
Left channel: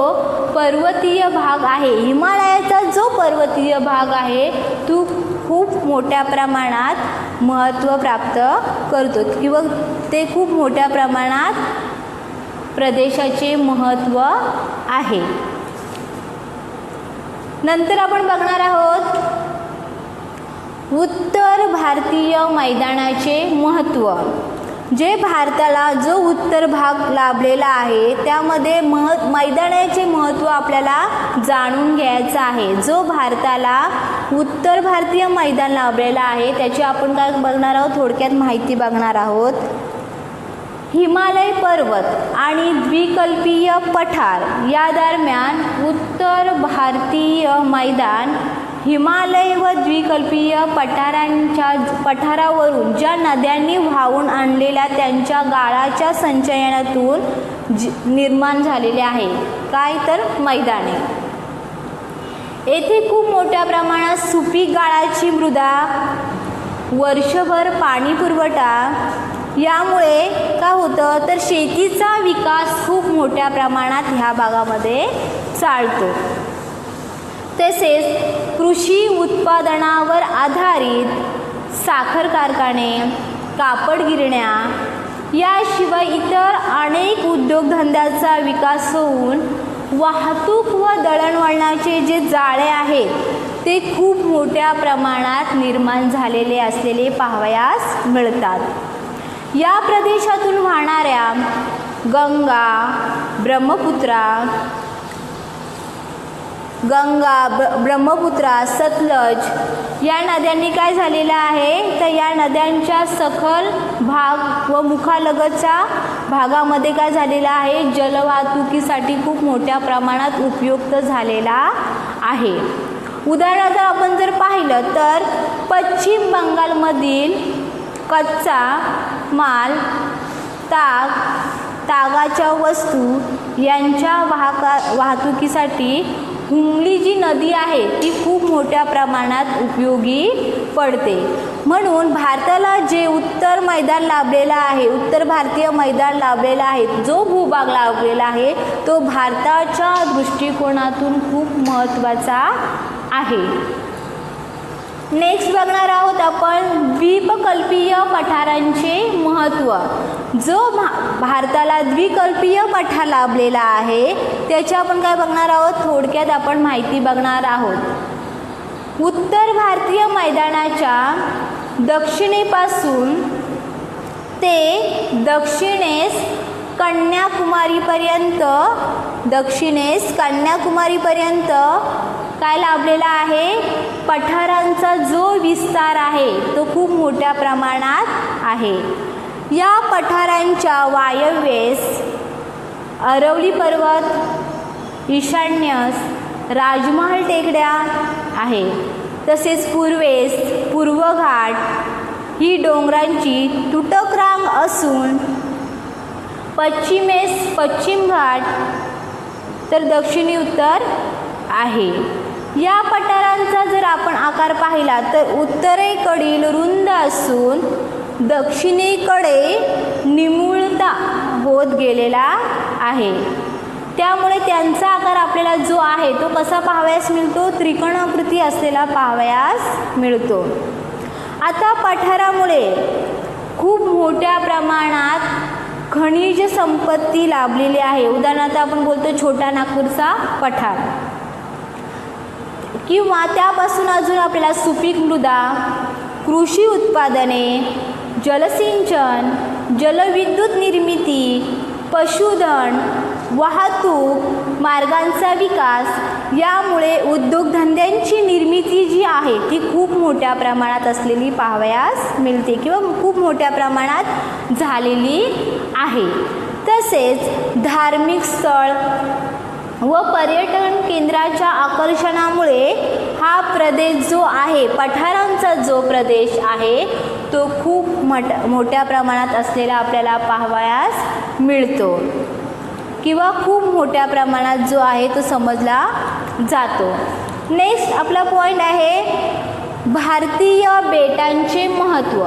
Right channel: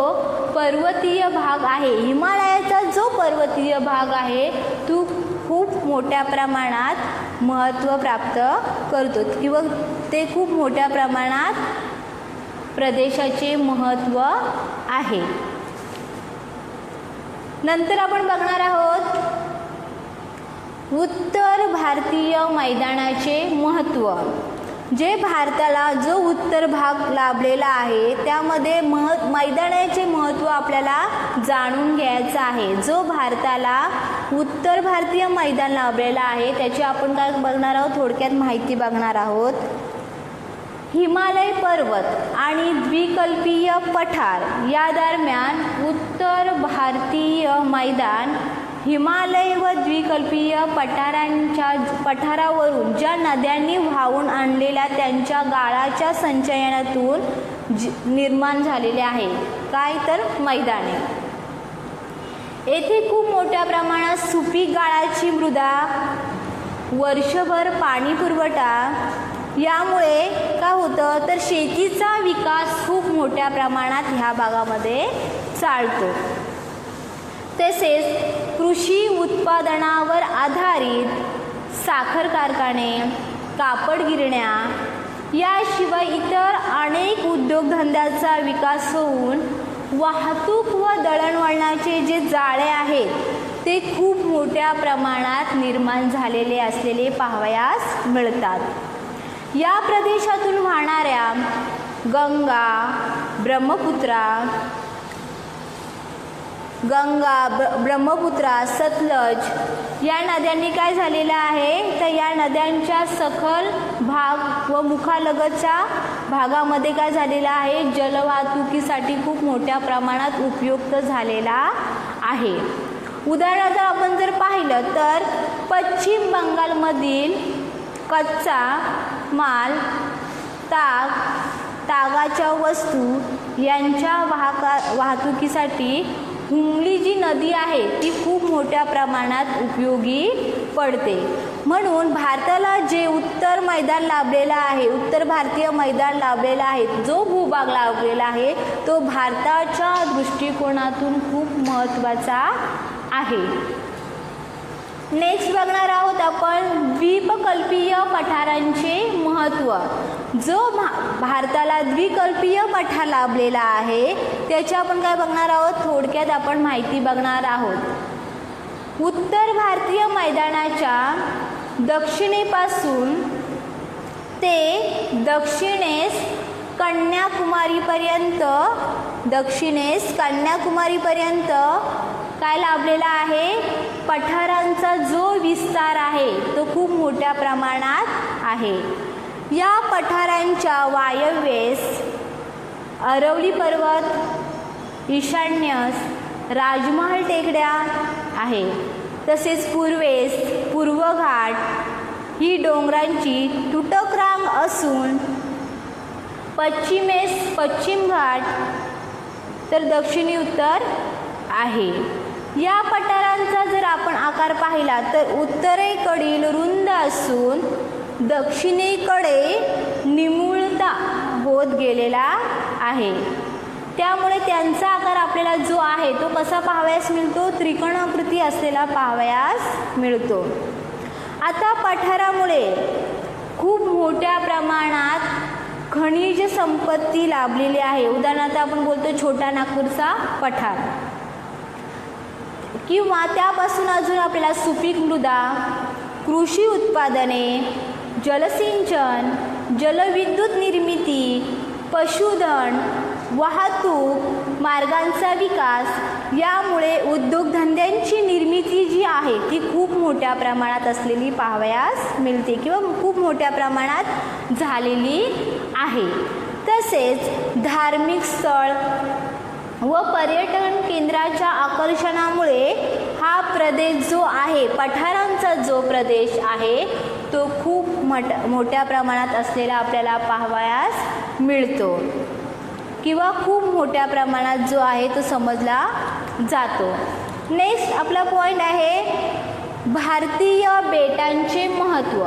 पर्वतीय भाग आहे, हिमालयाचा जो पर्वतीय भाग आहे तो खूप मोठ्या प्रमाणात महत्त्व प्राप्त करतो किंवा ते खूप मोठ्या प्रमाणात प्रदेशाचे महत्त्व आहे. नंतर आपण बघणार आहोत उत्तर भारतीय मैदानाचे महत्त्व. जे भारताला जो उत्तर भाग लाभलेला आहे त्यामध्ये मैदानाचे महत्त्व आपल्याला जाणून घ्यायचं आहे. जो भारताला उत्तर भारतीय मैदान लाभलेला आहे त्याची आपण काय बघणार आहोत, थोडक्यात माहिती बघणार आहोत. हिमालय पर्वत आणि द्विकल्पीय पठार या दरम्यान उत्तर भारतीय मैदान हिमालय व द्विकल्पीय पठारावरून ज्या नद्यांनी वाहून आणलेल्या त्यांच्या गाळाच्या संचयनातून निर्माण झालेले आहे. काय तर मैदाने. येथे खूप मोठ्या प्रमाणात सुपीक गाळाची मृदा, वर्षभर पाणी पुरवठा, यामुळे काय होतं तर शेतीचा विकास खूप मोठ्या प्रमाणात ह्या भागामध्ये चालतो. तसेच कृषी उत्पादनावर आधारित साखर कारखाने, कापड गिरण्या याशिवाय इतर अनेक उद्योगधंद्याचा विकास होऊन वाहतूक व दळणवळणाचे जे जाळे आहेत ते खूप मोठ्या प्रमाणात निर्माण झालेले असलेले पाहावयास मिळतात. या प्रदेशातून वाहणाऱ्या ब्रह्मपुत्रा, सतलज या नद्यांनी काय झालेलं आहे तर या नद्यांच्या सखल भाग व मुखालगतचा भागामध्ये काय झालेला आहे, जलवाहतुकीसाठी खूप मोठ्या प्रमाणात उपयुक्त झालेला आहे. उदाहरणार्थ आपण जर पाहिलं तर पश्चिम बंगालमधील कच्चा माल, तागाच्या वस्तू यांच्या वाहतुकीसाठी हुगली जी नदी आहे ती खूप मोठ्या प्रमाणात उपयोगी पडते. म्हणून भारताला जे उत्तर मैदान लाभलेला आहे, उत्तर भारतीय मैदान लाभलेला आहे, जो भूभाग लाभलेला आहे तो भारताच्या दृष्टिकोनातून खूप महत्त्वाचा आहे. नेक्स्ट बघणार आहोत आपण द्वीपकल्पीय पठारांचे महत्त्व. जो भारताला द्विकल्पीय पठार लाभलेला आहे त्याची आपण काय बघणार आहोत, थोडक्यात आपण माहिती बघणार आहोत. उत्तर भारतीय मैदानाच्या दक्षिणेपासून ते दक्षिणेस कन्याकुमारीपर्यंत काय लाभलेला आहे, पठारांचा जो विस्तार आहे तो खूप मोठ्या प्रमाणात आहे. या पठारांच्या वायव्येस अरवली पर्वत, ईशान्येस राजमहल टेकड्या आहे. तसेच पूर्वेस पूर्वघाट ही डोंगरांची तुटक रांग असून पश्चिमेस पश्चिम घाट तर दक्षिणी उत्तर आहे. या पठारांचा जर आपण आकार पाहिला तर उत्तरेकडील रुंद असून दक्षिणेकडे निमुळता होत गेलेला आहे. त्यामुळे त्यांचा आकार आपल्याला जो आहे तो कसा पाहावयास मिळतो, त्रिकोणाकृती असलेला पाहावयास मिळतो. आता पठारामुळे खूप मोठ्या प्रमाणात खनिज संपत्ती लाभलेली आहे. उदाहरणार्थ आपण बोलतो छोटा नागपूरचा पठार, किंवा त्यापासून अजून आपल्याला सुपीक मृदा, कृषी उत्पादने, जलसिंचन, जलविद्युत निर्मिती, पशुधन, वाहतूक मार्गांचा विकास यामुळे उद्योगधंद्यांची निर्मिती जी आहे ती खूप मोठ्या प्रमाणात असलेली पाहावयास मिळते किंवा खूप मोठ्या प्रमाणात झालेली आहे. तसेच धार्मिक स्थळ व पर्यटन केंद्राच्या आकर्षणामुळे हा प्रदेश जो आहे, पठारांचा जो प्रदेश आहे तो खूप मोठ्या प्रमाणात असलेला आपल्याला पाहावयास मिळतो किंवा खूप मोठ्या प्रमाणात जो आहे तो समजला जातो. नेक्स्ट आपला पॉईंट आहे भारतीय बेटांचे महत्त्व.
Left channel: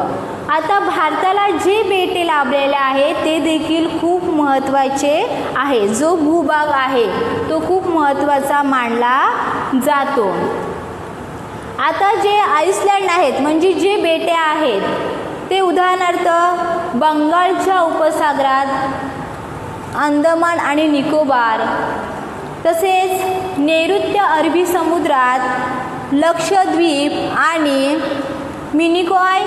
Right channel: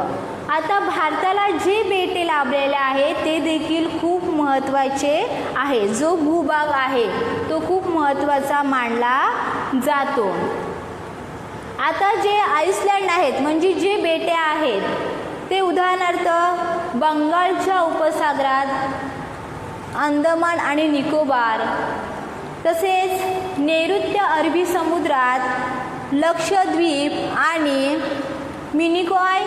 आता भारताला जे बेटे लाभलेले आहे ते देखील खूप महत्त्वाचे आहे. जो भूभाग आहे तो खूप महत्त्वाचा मानला जातो. आता जे आइसलँड आहेत म्हणजे जे बेटे आहेत ते उदाहरणार्थ बंगालच्या उपसागरात, अंदमान आणि निकोबार, तसेच नैऋत्य अरबी समुद्रात, लक्षद्वीप आणि मिनिकॉय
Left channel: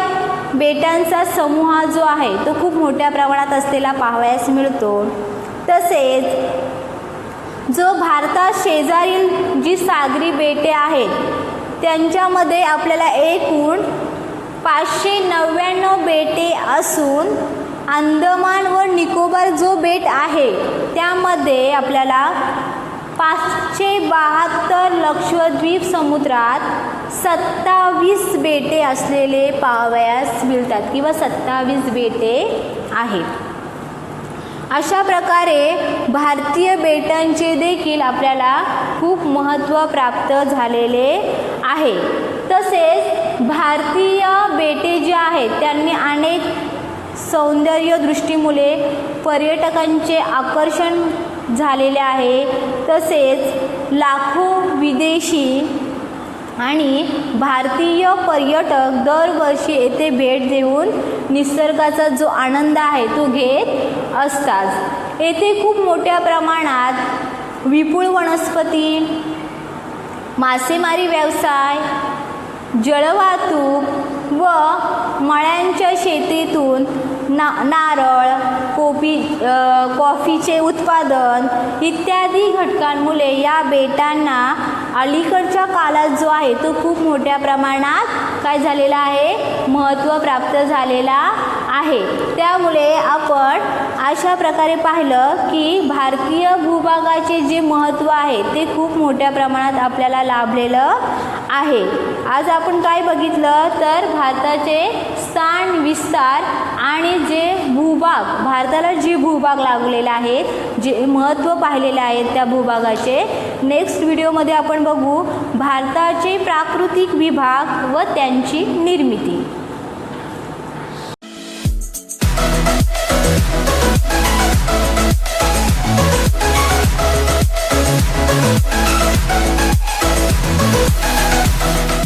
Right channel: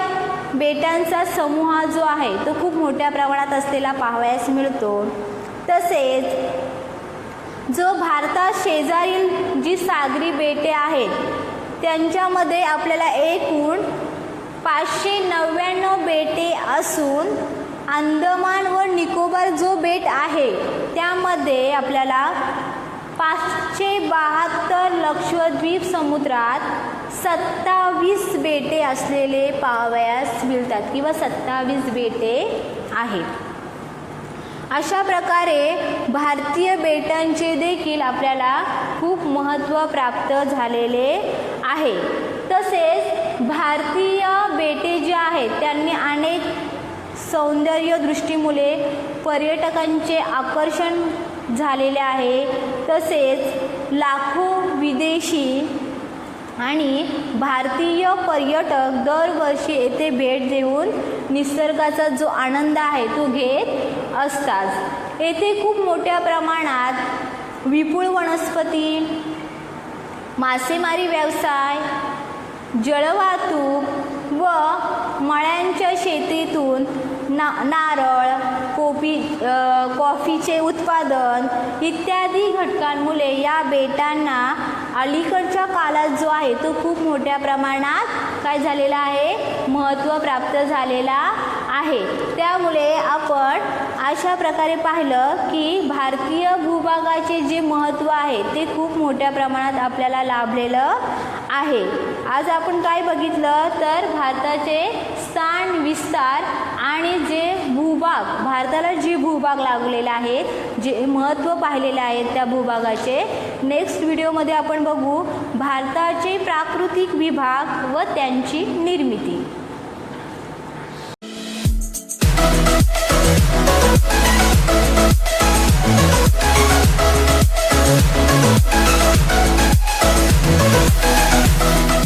बेटांचा समूह जो आहे तो खूप मोठ्या प्रमाणात असलेला पाहावयास मिळतो. तसेच जो भारतात शेजारील जी सागरी बेटे आहेत त्यांच्यामध्ये आपल्याला एकूण 599 बेटे असून अंदमान व निकोबार जो बेट आहे त्यामध्ये आपल्याला 572 लक्षद्वीप समुद्रात 27 बेटे असलेले पाहावयास मिळतात किंवा 27 बेटे आहेत. अशा प्रकारे भारतीय बेटांचे देखील आपल्याला खूप महत्त्व प्राप्त झालेले आहे. तसेच भारतीय बेटे जे आहेत त्यांनी अनेक सौंदर्य दृष्टीमुळे पर्यटकांचे आकर्षण झालेले आहे. तसेच लाखो विदेशी आणि भारतीय पर्यटक दरवर्षी येथे भेट देऊन निसर्गाचा जो आनंद आहे तो घेत असतात. येथे खूप मोठ्या प्रमाणात विपुल वनस्पती, मासेमारी व्यवसाय, जलवाहतूक व मळ्यांच्या शेतीतून नारळ, कॉफीचे उत्पादन इत्यादी घटकांमुळे या बेटांना अलीकडच्या काळात जो आहे तो खूप मोठ्या प्रमाणात काय झालेला आहे, महत्त्व प्राप्त झालेला आहे. त्यामुळे आपण अशा प्रकारे पाहिलं की भारतीय भूभागाचे जे महत्त्व आहे ते खूप मोठ्या प्रमाणात आपल्याला लाभलेलं आहे. आज आपण काय बघितलं तर भारताचे स्थान, विस्तार आणि जे भूभाग, भारताला जे भूभाग लाभलेले आहेत, जे महत्त्व पाहिलेले आहेत त्या भूभागाचे. नेक्स्ट व्हिडिओमध्ये आपण बघू भारताचे प्राकृतिक विभाग व त्यांची निर्मिती.